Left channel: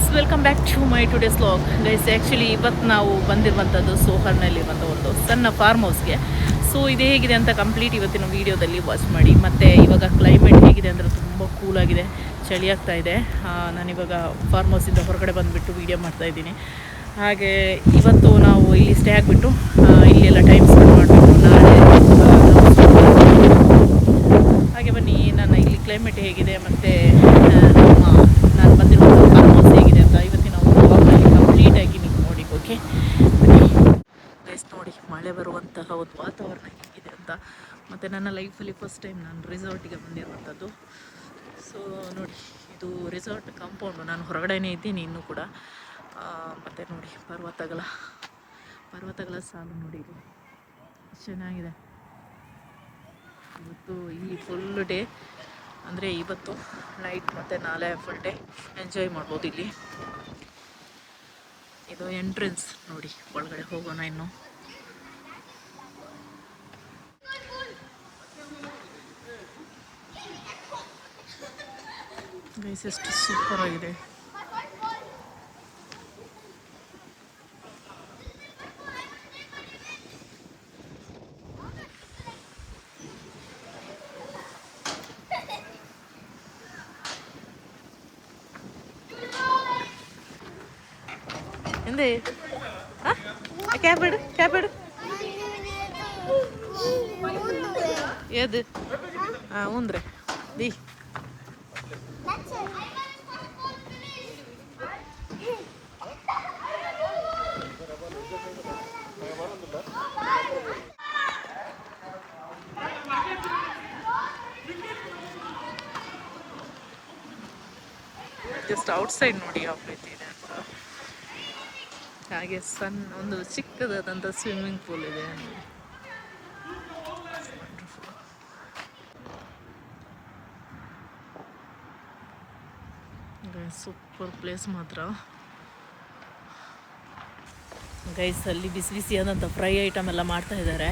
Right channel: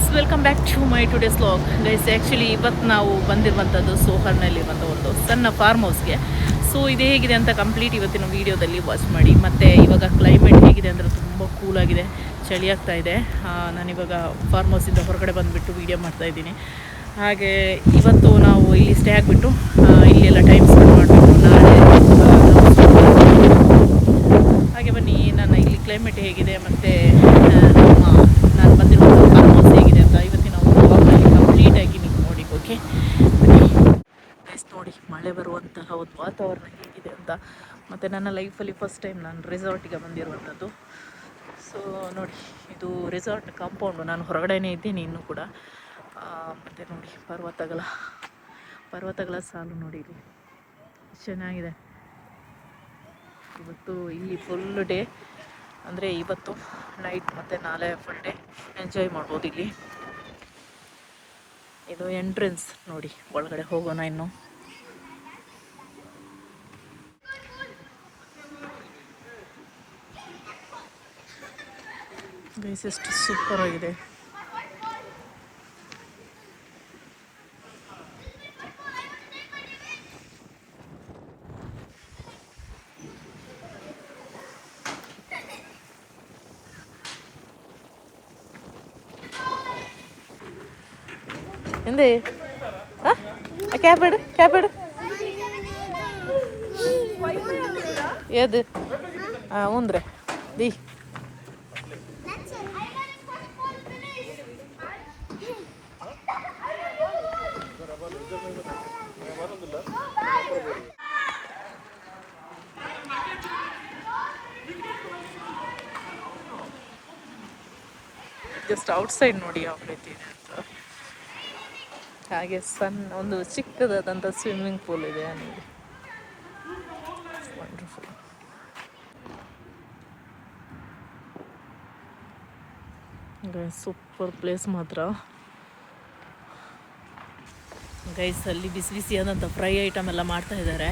Guys, welcome back to my today's vlog. Guys, actually ಇವತ್ತು ನಾವು ಬಂದಿರುವಂಥದ್ದು ಸೋಹರ್ನಲ್ಲಿರುವಂಥ ಒಂದು ಸಣ್ಣ ಫಾರ್ಮ್ ಹೌಸ್ಗೆ. ಸೊ ಇದು ಹೇಗಿದೆ ಅಂತ ಕಂಪ್ಲೀಟ್ ಇವತ್ತಿನ ವೀಡಿಯೋದಲ್ಲಿ ವಾಚ್ ಮಾಡಿ. ಮತ್ತು ಇವಾಗ ಕ್ಲೈಮೇಟ್ ಹೇಗಿದೆ ಅಂದರೆ ತುಂಬ ಕೂಲಾಗಿದೆ, ಚಳಿ ಆಗ್ತಾ ಇದೆ. ನಾನಿವಾಗ ಫಾರ್ಮ್ ಹೌಸಿಂದ ಹೊರಗಡೆ ಬಂದುಬಿಟ್ಟು ವೀಡಿಯೋ ಮಾಡ್ತಾಯಿದ್ದೀನಿ. ಹಾಗೆ ಇವತ್ತು ನಾವು ಇಲ್ಲಿ ಸ್ಟೇ ಆಗಿಬಿಟ್ಟು ಇಲ್ಲಿ ಎಲ್ಲ ಟೈಮ್ ಸ್ಪೆಂಡ್ ಮಾಡಬೇಕು. ನಾಳೆ ಹಾಗೆ ಬನ್ನಿ, ನನ್ನ ಇಲ್ಲಿ ಕ್ಲೈಮೇಟ್ ಹೇಗಿದೆ ಮತ್ತು ನಾನು ಬಂದಿರುವಂಥ ಫಾರ್ಮ್ ಹೌಸ್ ಹೇಗಿದೆ ಅಂತ ಇವತ್ತಿನ ವ್ಲಾಗ್ನಲ್ಲಿ ಕಂಪ್ಲೀಟಾಗಿ ನೀವು ನೋಡಿ. ಓಕೆ ಗೈಸ್, ನೋಡಿ ಮಳೆ ಬರುವಂತಹ ಒಂದು ವಾತಾವರಣ ಹೇಗಿದೆ ಅಂತ. ಮತ್ತು ನನ್ನ ಲೈಫಲ್ಲಿ ಫಸ್ಟ್ ಟೈಮ್ ನಾನು ರೆಸಾರ್ಟಿಗೆ ಬಂದಿರುವಂಥದ್ದು. ಸೊ ನೋಡಿ, ಇದು ರೆಸಾರ್ಟ್ ಕಾಂಪೌಂಡು. ನಾನು ಹೊರಗಡೆನೇ ಇದ್ದೀನಿ ಇನ್ನೂ ಕೂಡ. ಮತ್ತು ನೋಡಿ ಪರ್ವತಗಳ ಸಾಲು ನೋಡಿ, ಇಲ್ಲಿ ಚೆನ್ನಾಗಿದೆ. ಇವತ್ತು ಇಲ್ಲಿ ಫುಲ್ ಡೇ ಅಂದರೆ ಇವತ್ತು ನೈಟ್ ಮತ್ತು ನಾಳೆ ಫುಲ್ ಡೇ ಎಂಜಾಯ್ ಮಾಡ್ಬೋದು ಇಲ್ಲಿ. ಇದು ಎಂಟ್ರೆನ್ಸ್ ನೋಡಿ, ಒಳಗಡೆ ಹೋಗೋಣ ಇನ್ನು. ಗೈಸ್, ಎಷ್ಟು ಸೂಪರ್ ಆಗಿದೆ. എന്ത് ക്യാബ് ഏത് ഊന്ദ്രെ ദീ ಜಸ್ಟ್ ಔಟ್ಸೈಡ್ ನೋಡಿ ಯಾವ ರೀತಿ ಇದೆ ಅಂತ. ಹಾಗೆ ಒಂದು ಚಿಕ್ಕದಾದಂಥ ಸ್ವಿಮ್ಮಿಂಗ್ ಪೂಲ್ ಇದೆ ನೋಡಿ, ವಂಡರ್ಫುಲ್. ಸೂಪರ್ ಪ್ಲೇಸ್ ಮಾತ್ರ. ಗೈಸ್, ಅಲ್ಲಿ ಬಿಸಿ ಬಿಸಿಯಾದಂಥ ಫ್ರೈ ಐಟಮ್ ಎಲ್ಲ ಮಾಡ್ತಾ ಇದ್ದಾರೆ.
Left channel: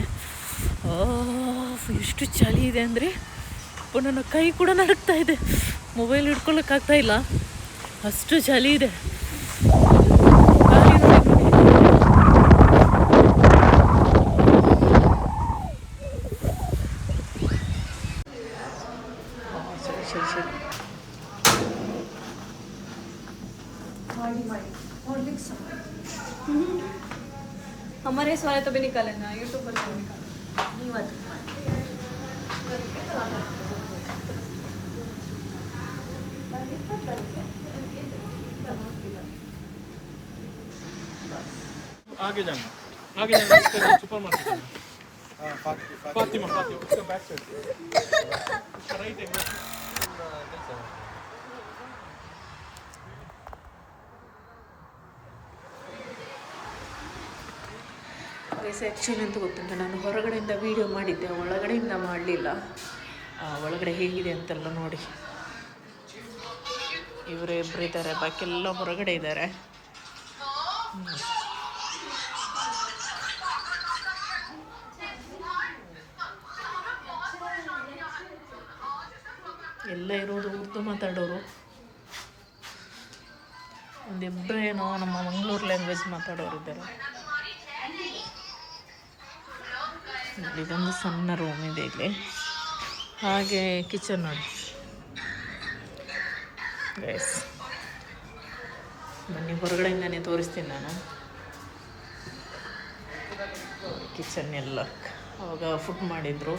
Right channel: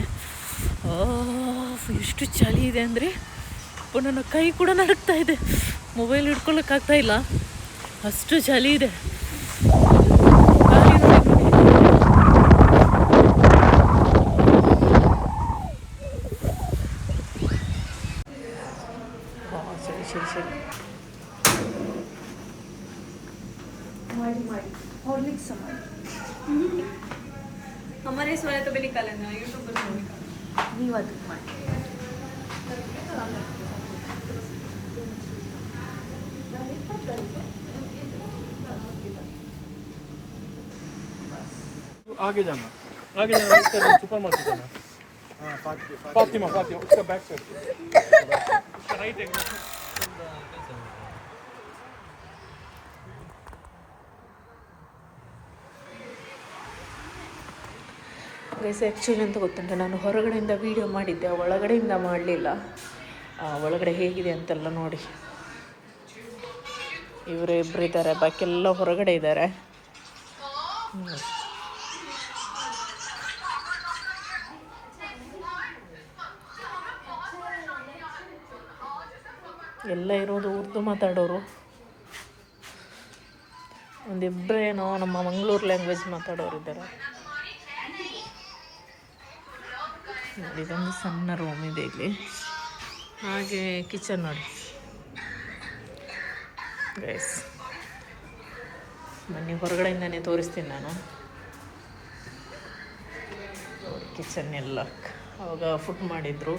ಎಷ್ಟು ಚಳಿ ಇದೆ ಅಂದರೆ ನನ್ನ ಕೈ ಕೂಡ ನಡುಗ್ತಾ ಇದೆ, ಮೊಬೈಲ್ ಹಿಡ್ಕೊಳ್ಳೋಕ್ಕಾಗ್ತಾ ಇಲ್ಲ, ಅಷ್ಟು ಚಳಿ ಇದೆ. ಸರಿ हमारे इस वाले तो भी निकालेंगे यूट्यूब पर आगे जाना सुपर मार्केट जाना। हाँ, फातिमा उसका बैक साइड, उसका राइट है। ಗೈಸ್, ಆ್ಯಕ್ಚುಲಿ ಅಂತ ಗೊತ್ತುಂಟ, ನಾನು ಹೊರಗಡೆಯಿಂದ ವೀಡಿಯೋ ಮಾಡಿದ್ದೆ, ಒಳಗಡೆಯಿಂದ ಮಾಡಲಿಲ್ಲ. ಒಳಗಡೆ ಹೇಗಿದೆ ಅಂತೆಲ್ಲ ನೋಡಿ. ಇವರೇ ಇಬ್ಬರು ಇದ್ದಾರೆ, ಬಾಕಿ ಎಲ್ಲ ಹೊರಗಡೆ ಇದ್ದಾರೆ. ಎಲ್ಲ ಇರೋದು ಉರ್ದು ಮಾತಾಡೋರು, ಒಂದಿಬ್ಬರೇನೋ ನಮ್ಮ ಮಂಗಳೂರು ಲ್ಯಾಂಗ್ವೇಜ್ ಮಾತಾಡೋರು ಇದ್ದಾರೆ. ಇದೊಂದು ಸಣ್ಣ ರೂಮ್ ಇದೆ ಇಲ್ಲಿ. ಹಾಗೆ ಕಿಚನ್ ನೋಡಿ ಗೈಸ್, ಬನ್ನಿ ಹೊರಗಡೆಯಿಂದನೇ ತೋರಿಸ್ತೀನಿ ನಾನು. ಕಿಚನ್ ಎಲ್ಲ ಆವಾಗ ಫುಡ್ ಮಾಡಿದರು.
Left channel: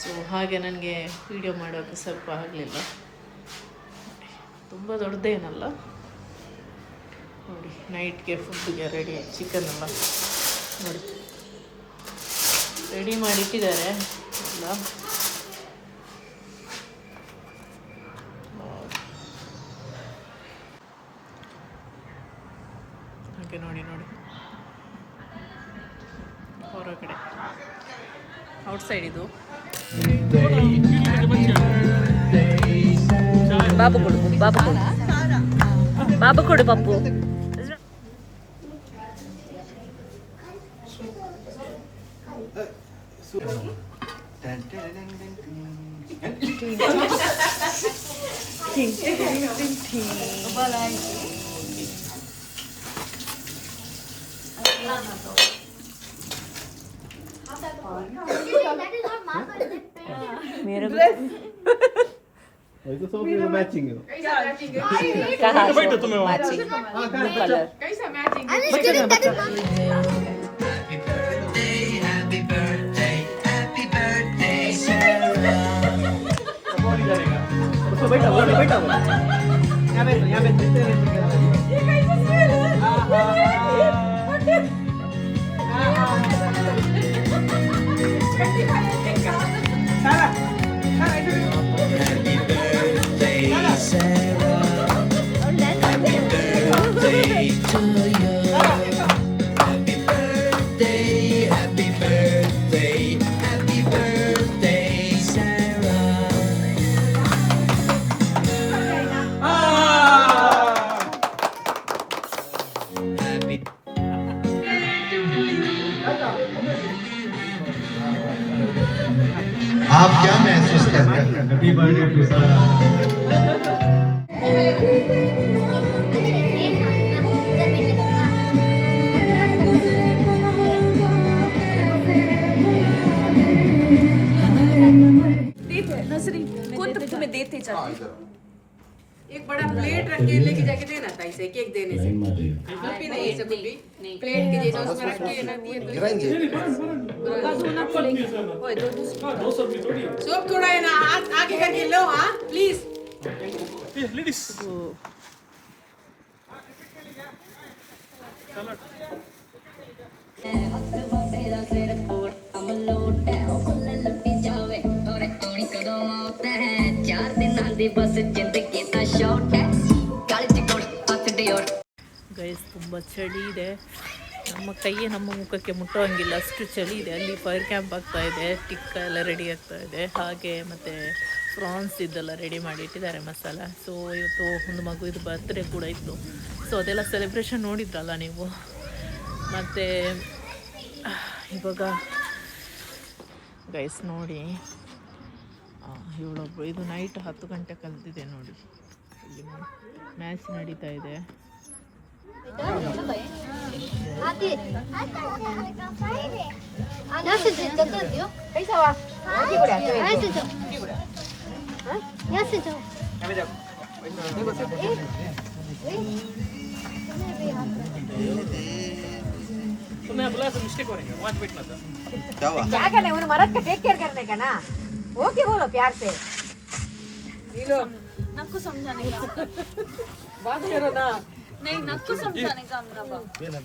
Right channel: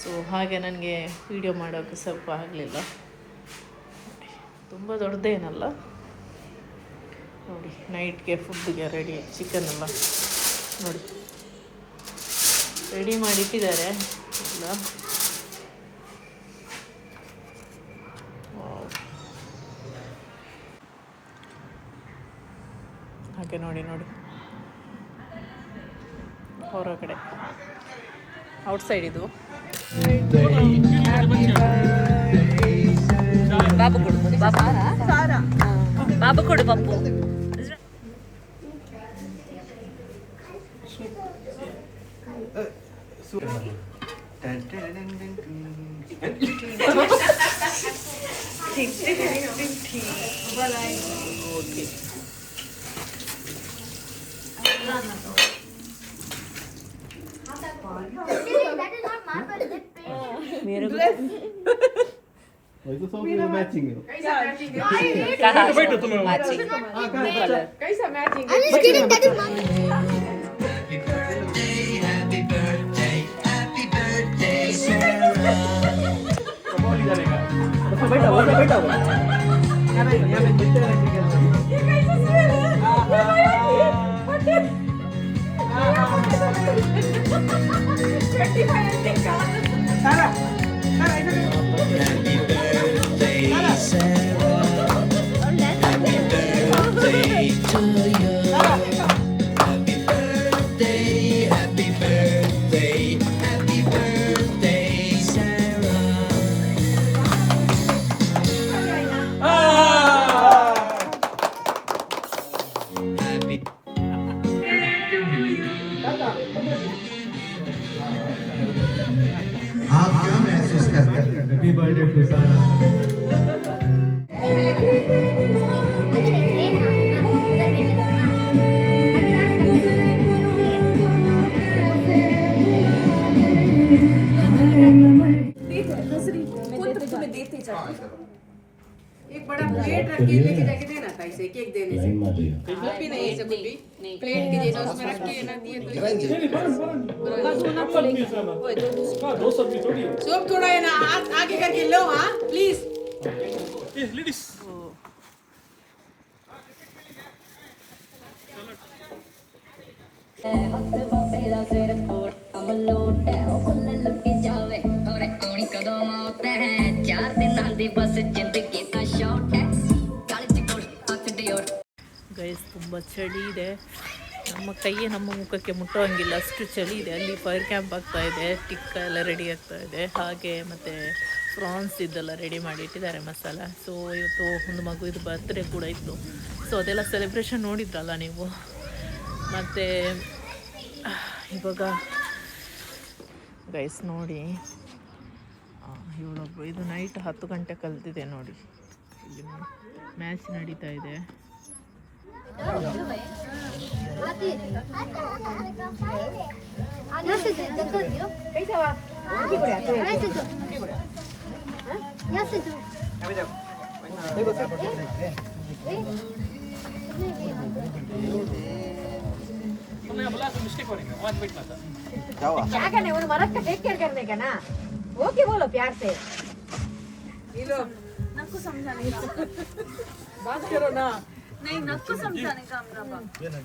ಸೊ ಹಾಗೆ ನನಗೆ ವಿಡಿಯೋ ಮಾಡೋಕ್ಕೆ ಸ್ವಲ್ಪ ಆಗಲಿಲ್ಲ. ತುಂಬ ದೊಡ್ಡದೇನಲ್ಲ ನೋಡಿ. ನೈಟ್ಗೆ ಫುಡ್ಗೆ ರೆಡಿ, ಚಿಕನ್ ಎಲ್ಲ ನೋಡಿ ರೆಡಿ ಮಾಡಿಟ್ಟಿದ್ದಾರೆ ಎಲ್ಲ. ಹಾಗೆ ನೋಡಿ ಹೊರಗಡೆ ಔಟ್ಸೈಡ್ ಇದು. ಬಾಬು ಕೊಡು ಪಪ್ಪು. ಓಕೆ. मेरे को वैसे सब मैचिंग है बैठो तुम्हें कैसा मैचिंग आप क्या महसूस करते हैं? हैप्पी बर्थडे टू सारा। तुम्हें देते जाते एक बड़ा प्लेट रख के लेके जाके देना था इसे केक देने से हैप्पी नहीं है सब भी प्लेट के जैसा उसमें रख के ना दिए तो सब थोड़ा है ना हाथ आगे करके लो हाँ प्लीज लेडीज ಗೈಸ್ ತುಂಬ ಚಳಿ ಇದೆ. ನಮ್ಮ ಕೈಯೇ ನಮ್ಮ ಮುಖಕ್ಕೆ ಮುಟ್ಟುವಂಗಿಲ್ಲ, ಅಷ್ಟು ಚಳಿ ಇದೆ. ಅಲ್ಲಿ ಫೈರ್ ಕ್ಯಾಂಪ್ ಆಗ್ತಾ ಇದೆ, ಟಿಕ್ಕ ಎಲ್ಲ ರೆಡಿ ಆಗ್ತಾ ಇದೆ. ಹಾಗೆ ಮತ್ತು ಪ್ರಾನ್ಸ್ ಇದೆಲ್ಲ ರೆಡಿ ಮಾಡಿ ಇಟ್ಟಿದ್ದಾರೆ ಮಸಾಲ. ಸೊ ಇವತ್ತು ಒಂದು ಮಗುವಿದು ಬರ್ತ್ಡೇ ಕೂಡ ಇತ್ತು. ಸೊ ಅದೆಲ್ಲ ಸೆಲೆಬ್ರೇಷನ್ ನೋಡಿದ್ರಲ್ಲ ನೀವು. ಮತ್ತು ಇವಾಗ ಗೈಸ್ ನೋಡಿ, ಇವಳೊಬ್ಬರು, ಇದು ನೈಟ್ 10 ಗಂಟೆ ಕಲ್ತಿದೆ ನೋಡಿ. ಇಲ್ಲಿ ಮ್ಯಾಚ್ ನಡೀತಾ ಇದೆ. तुमने बोला तो मिस्टेक हो रही है, वहाँ बैठना था। क्या करने उन्हें मरद का टेक केयर करने का ना, वो क्या बोलो प्यार से नक्कू समझाने का बात करो ना। नहीं नक्कू समझाने का मेरा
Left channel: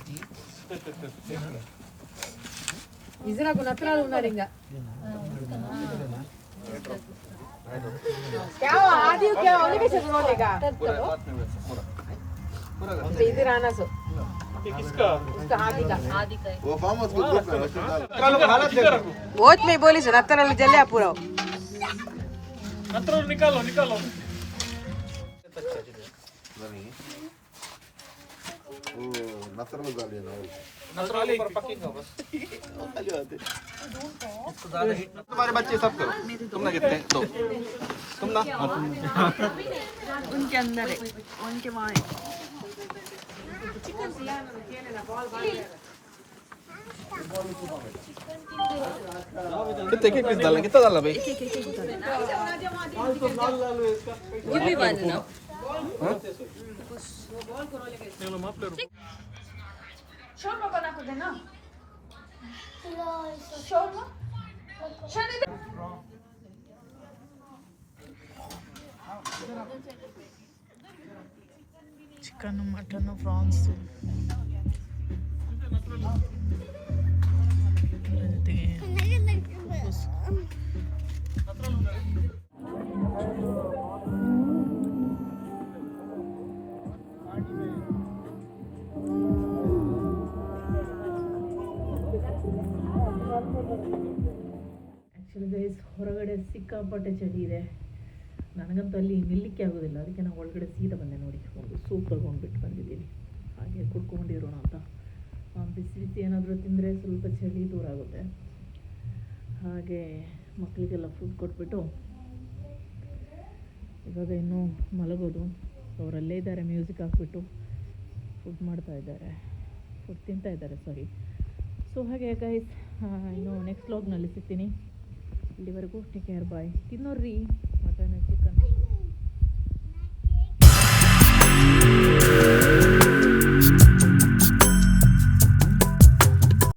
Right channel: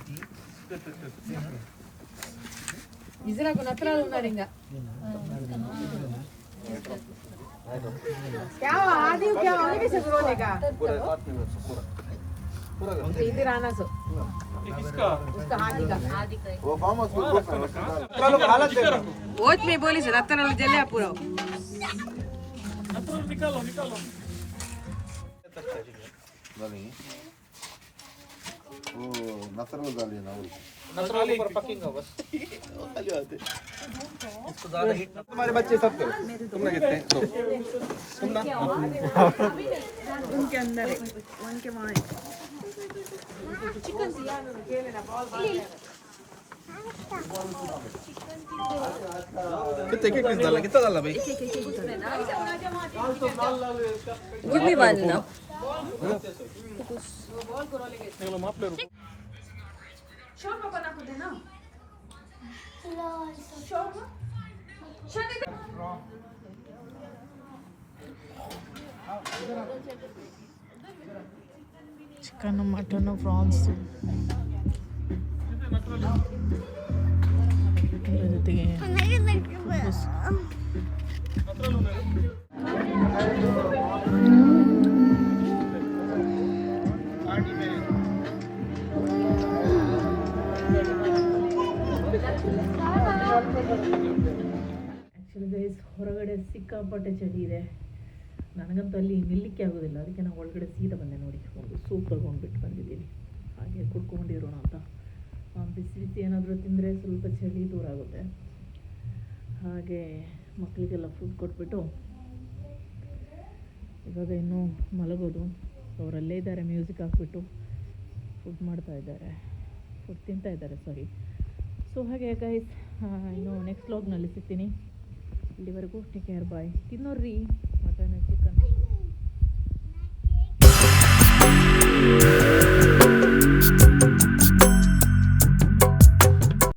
इजरा को नतराल उन्नारिंगा क्या हुआ आदि क्या उन्हें कैसे बोलेगा इधर आना सो किसका? उसका आदि का वो बाम उसको वोट में बोली से नतराल जल्ले पूरा नतरोल निकालो निकालो। नहीं वो नसरल गाली ना नतरोल ऊपर पकिंग हो बस। खाली आते तुम्हारे बच्चे सब करो तुम ना कितने दो तुम ना उनके अंदर है उनके वहाँ है कितने कितना डालना भाई Give me one now. चलो माफ करो। शोरमा बना के देना ಚಿಕನ್, ಮಟನ್, ಪ್ರಾನ್ಸ್ ಜೊತೆಗೆ ಆ್ಯಕ್ಚುಲಿ ಗೈಸ್ ಹೊರಗಡೆ ಸಿಕ್ಕಾಪಟ್ಟೆ ಚಳಿ ಇದೆ. ನನಗಂತೂ ಅಲ್ಲಿ ನಿಲ್ಲಕ್ಕೆ ಆಗೋದಿಲ್ಲ. ಅದಕ್ಕೆ ನಾನು ಒಳಗಡೆ ಸೀದಾ ಬಂದೆ ನೋಡಿ. ಒಂದು ಸೂಪ್ ತಗೊಂಡ್ಬಿಟ್ಟು ಬಂದಿದ್ದೀನಿ, ಹಾಗೆ ಕುಡ್ಕೊಂಡಿರೋಣ ಅಂತ. ಬಿಸಿ ಬಿಸಿ ಏನಾದರೂ ತಿಂದರೆ ಸ್ವಲ್ಪ ಚಳಿ ದೂರ ಆಗುತ್ತೆ. ಹಾಗೆ ಮಕ್ಕಳಿಗೆಲ್ಲ ಫುಡ್ ಕೊಟ್ಬಿಟ್ಟು ಇವಾಗ ಇನ್ನೂ ಮಲಗೋದು. ಅವರಲ್ಲೇ ಇದ್ದಾರೆ ಮ್ಯೂಸಿಕ್ ಹಾಕ್ಬಿಟ್ಟು. ಫುಡ್ ಮಾಡ್ತಾ ಇದ್ದಾರೆ, ಫುಡ್ ತಿಂತಾ ಇದ್ದಾರೆ ಸಾರಿ. ಸೊ ಹಾಗೆ ಗೈಸ್, ಇನ್ನು ನೆಕ್ಸ್ಟ್ ವ್ಲಾಗ್ನಲ್ಲಿ ಸಿಗ್ತೀನಿ. ಇಲ್ಲಿವರೆಗೂ ಟೇಕ್ ಕೇರ್, ಬಾಯ್. ತಿನ್ನೋರ್ರಿ.